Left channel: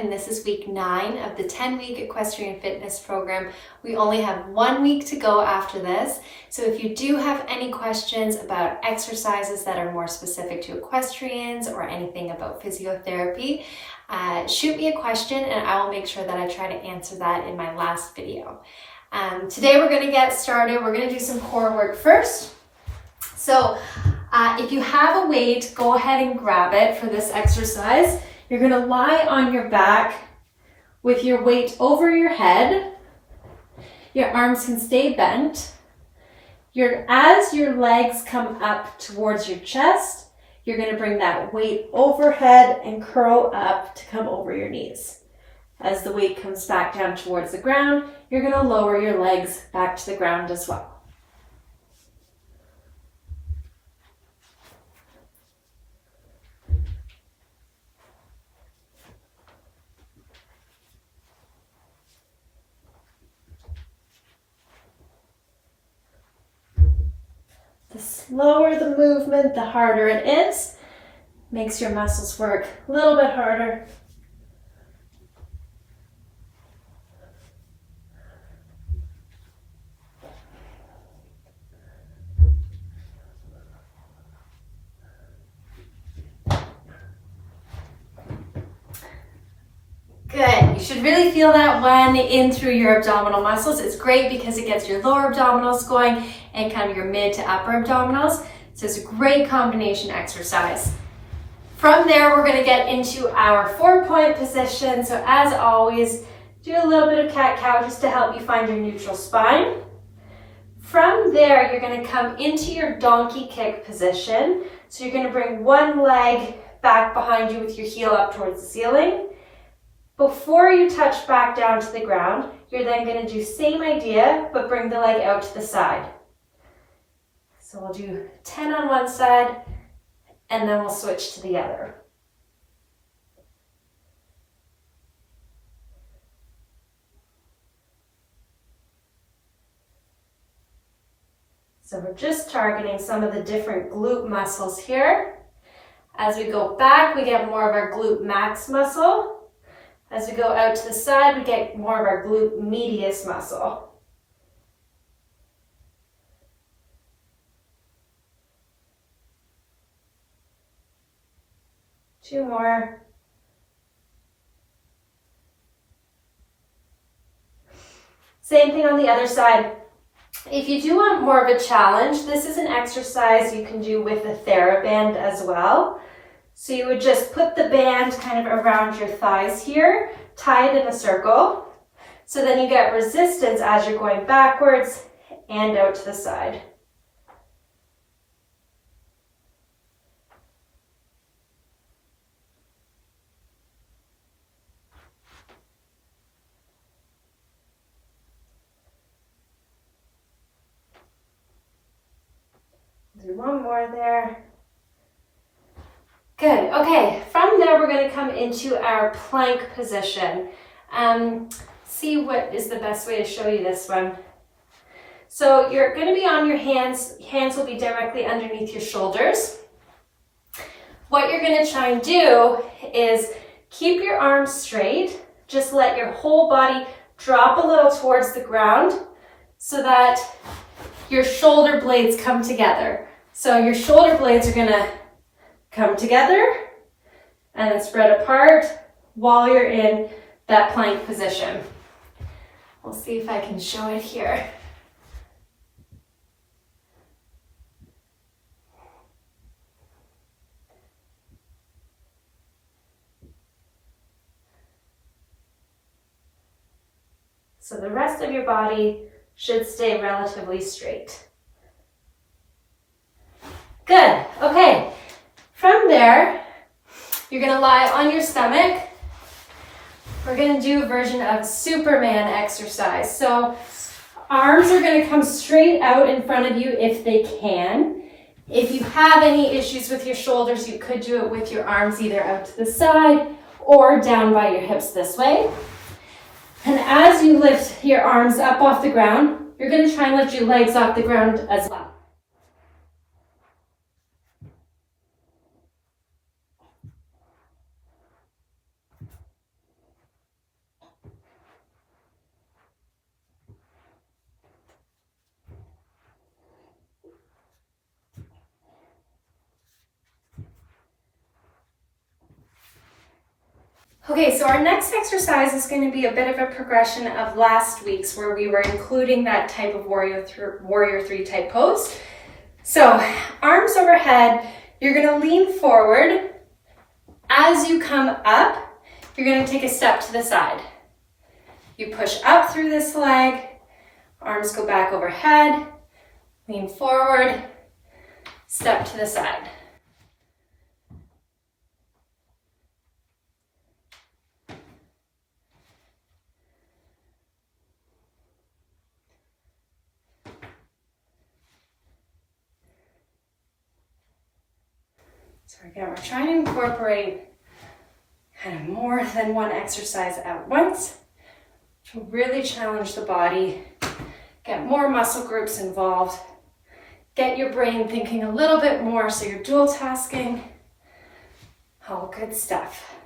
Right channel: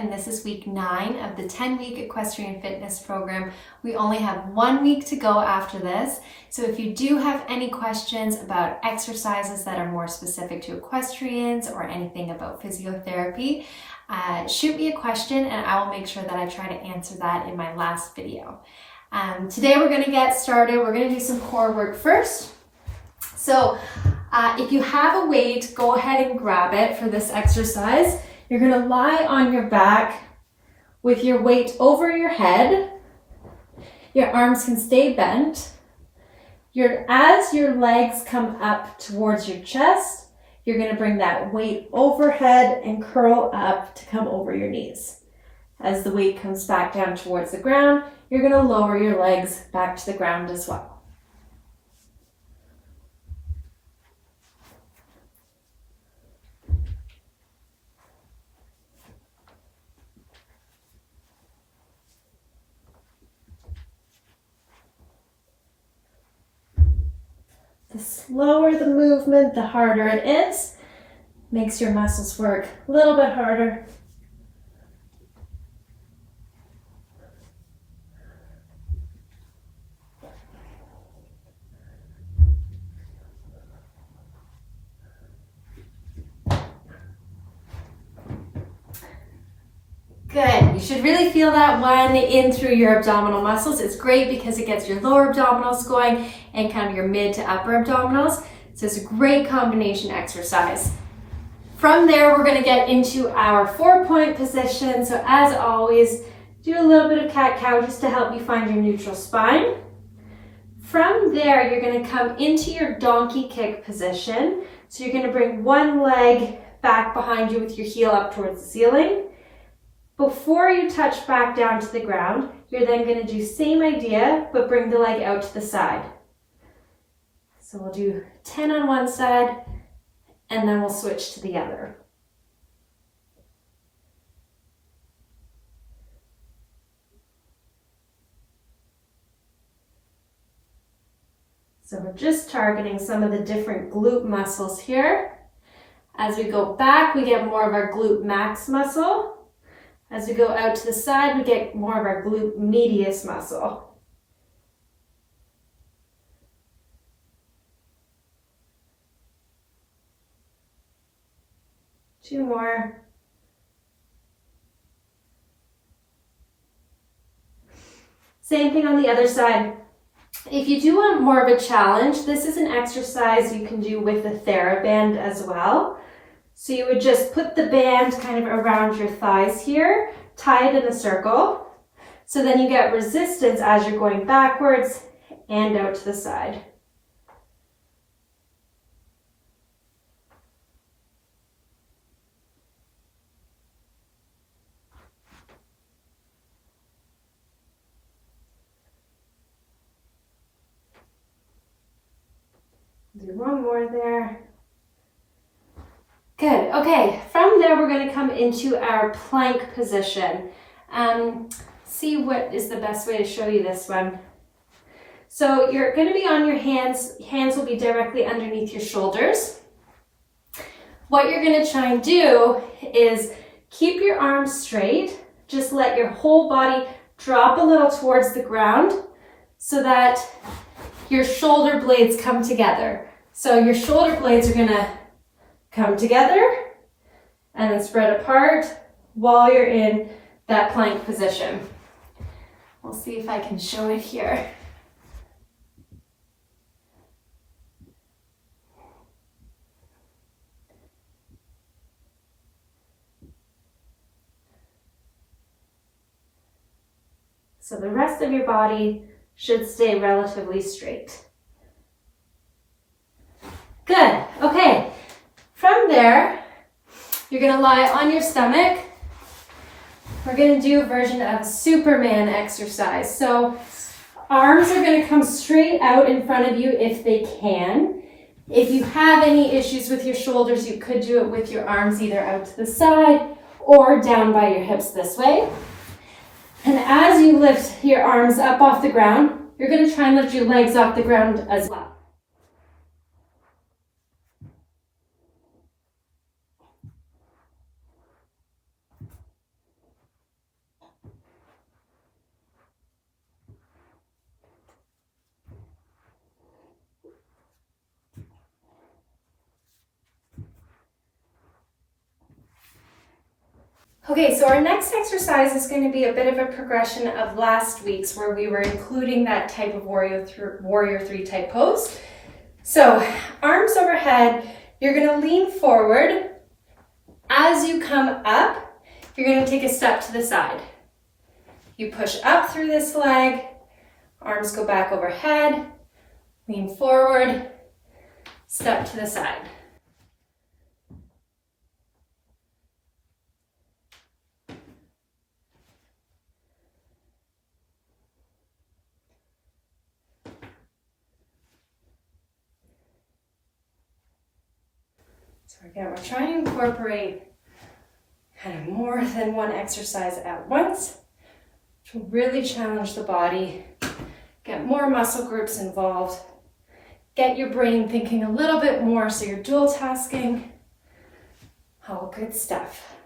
and this is week 9 of the 10-week equestrian fitness program. We only have 1 week to go after this, so if you do have any questions about exercises that are more specific to equestrians or anything about physiotherapy, shoot me a question and I will make sure that I try to answer that in my last video. Today we're going to get started. We're going to do some core work first. So if you have a weight, go ahead and grab it for this exercise. You're going to lie on your back with your weight over your head. Your arms can stay bent. As your legs come up towards your chest, you're going to bring that weight overhead and curl up to come over your knees. As the weight comes back down towards the ground, you're going to lower your legs back to the ground as well. The slower the movement, the harder it is. Makes your muscles work a little bit harder. Good. You should really feel that one in through your abdominal muscles. It's great because it gets your lower abdominals going and kind of your mid to upper abdominals. So it's a great combination exercise. From there, we're going to get into our 4-point position. So as always, do a little bit of cat-cow just to help you find your neutral spine. From there, you're going to come into your donkey kick position. So you're going to bring one leg back behind you with your heel up towards the ceiling. Before you touch back down to the ground, you're then going to do same idea, but bring the leg out to the side. So we'll do 10 on one side, and then we'll switch to the other. So we're just targeting some of the different glute muscles here. As we go back, we get more of our glute max muscle. As we go out to the side, we get more of our glute medius muscle. Two more. Same thing on the other side. If you do want more of a challenge, this is an exercise you can do with a TheraBand as well. So you would just put the band kind of around your thighs here, tie it in a circle. So then you get resistance as you're going backwards and out to the side. Do one more there. Good, okay, from there we're going to come into our plank position. See what is the best way to show you this one. So you're going to be on your hands will be directly underneath your shoulders. What you're going to try and do is keep your arms straight, just let your whole body drop a little towards the ground so that your shoulder blades come together. So your shoulder blades are going to come together and then spread apart while you're in that plank position. We'll see if I can show it here. So the rest of your body should stay relatively straight. Good, okay. From there, you're going to lie on your stomach. We're going to do a version of Superman exercise. So arms are going to come straight out in front of you if they can. If you have any issues with your shoulders, you could do it with your arms either out to the side or down by your hips this way. And as you lift your arms up off the ground, you're going to try and lift your legs off the ground as well. Okay, so our next exercise is going to be a bit of a progression of last week's where we were including that type of warrior three type pose. So arms overhead, you're going to lean forward. As you come up, you're going to take a step to the side. You push up through this leg, arms go back overhead, lean forward, step to the side. So again, we're trying to incorporate kind of more than one exercise at once to really challenge the body, get more muscle groups involved, get your brain thinking a little bit more so you're dual tasking. All good stuff.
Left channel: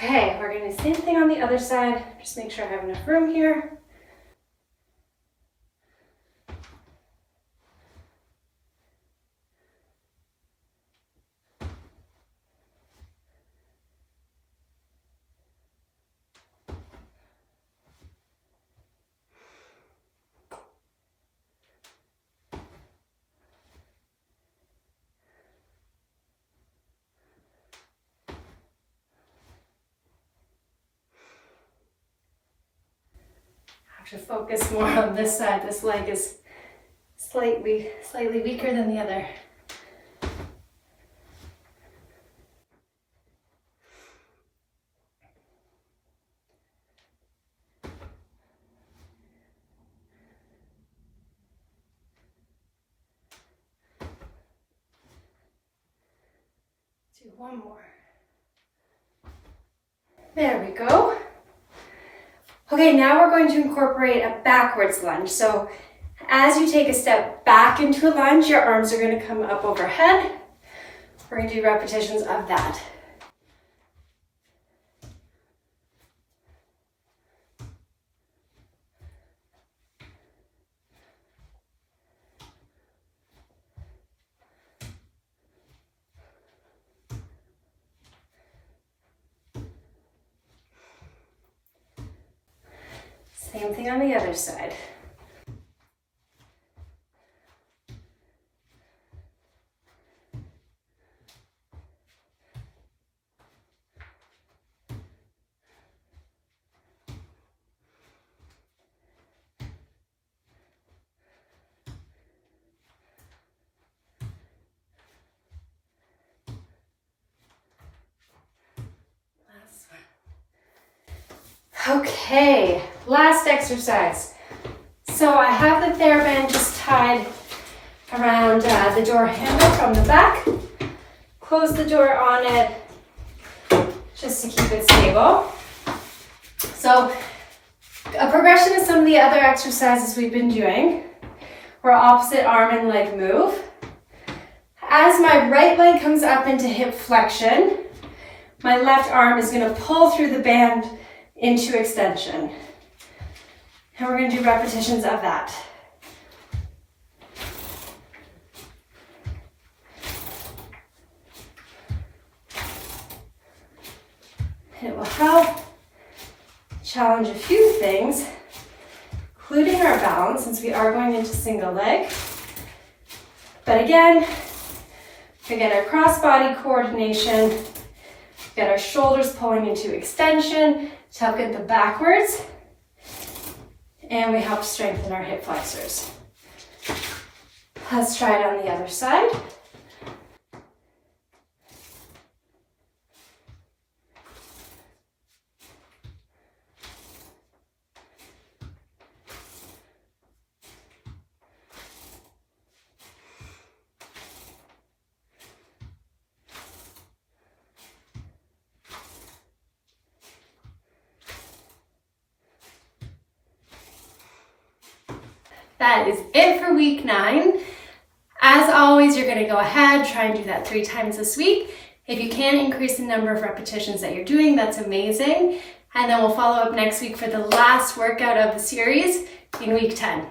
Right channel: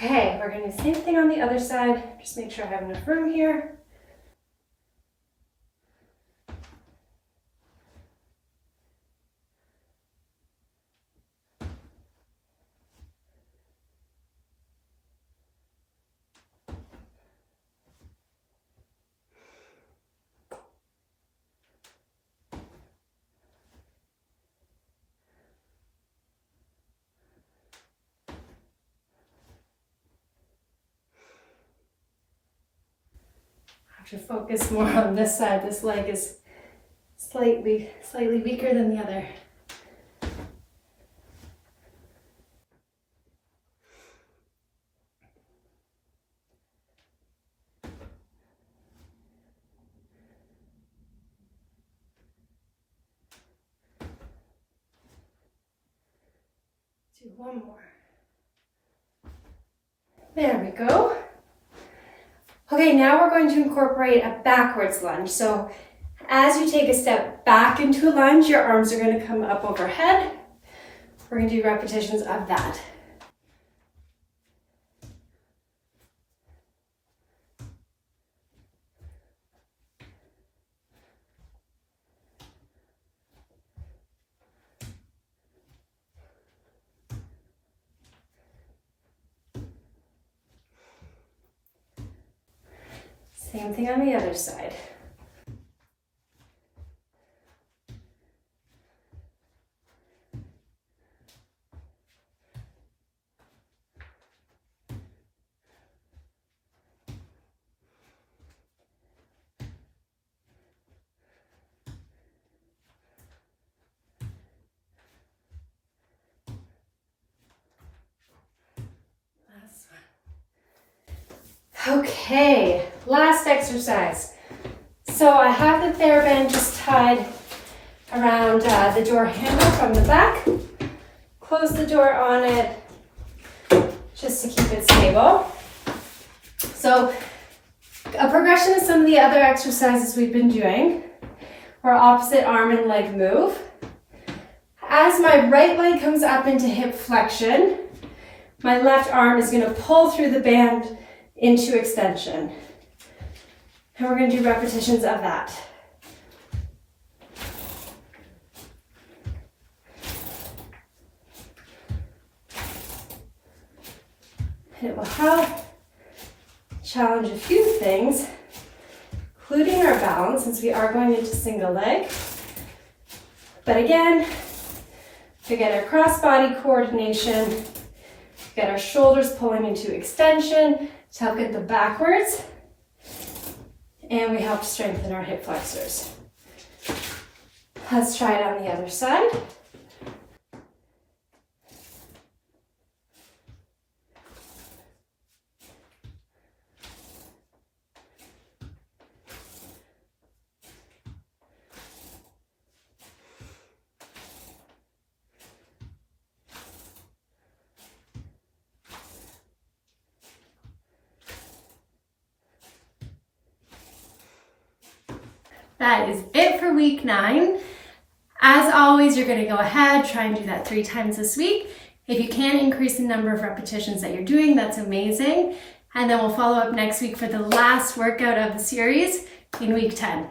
Okay, we're going to do the same thing on the other side. Just make sure I have enough room here. To focus more on this side. This leg is slightly weaker than the other. Do one more. There we go. Okay, now we're going to incorporate a backwards lunge. So as you take a step back into a lunge, your arms are going to come up overhead. We're going to do repetitions of that. Same thing on the other side. Okay, last exercise. So I have the TheraBand just tied around the door handle from the back. Close the door on it just to keep it stable. So a progression of some of the other exercises we've been doing were opposite arm and leg move. As my right leg comes up into hip flexion, my left arm is going to pull through the band into extension. And we're going to do repetitions of that. It will help challenge a few things, including our balance, since we are going into single leg. But again, to get our cross-body coordination, get our shoulders pulling into extension, to help get them backwards, and we help strengthen our hip flexors. Let's try it on the other side. that is it for week 9. As always, you're going to go ahead, try and do that 3 times this week. If you can increase the number of repetitions that you're doing, that's amazing. And then we'll follow up next week for the last workout of the series in week 10.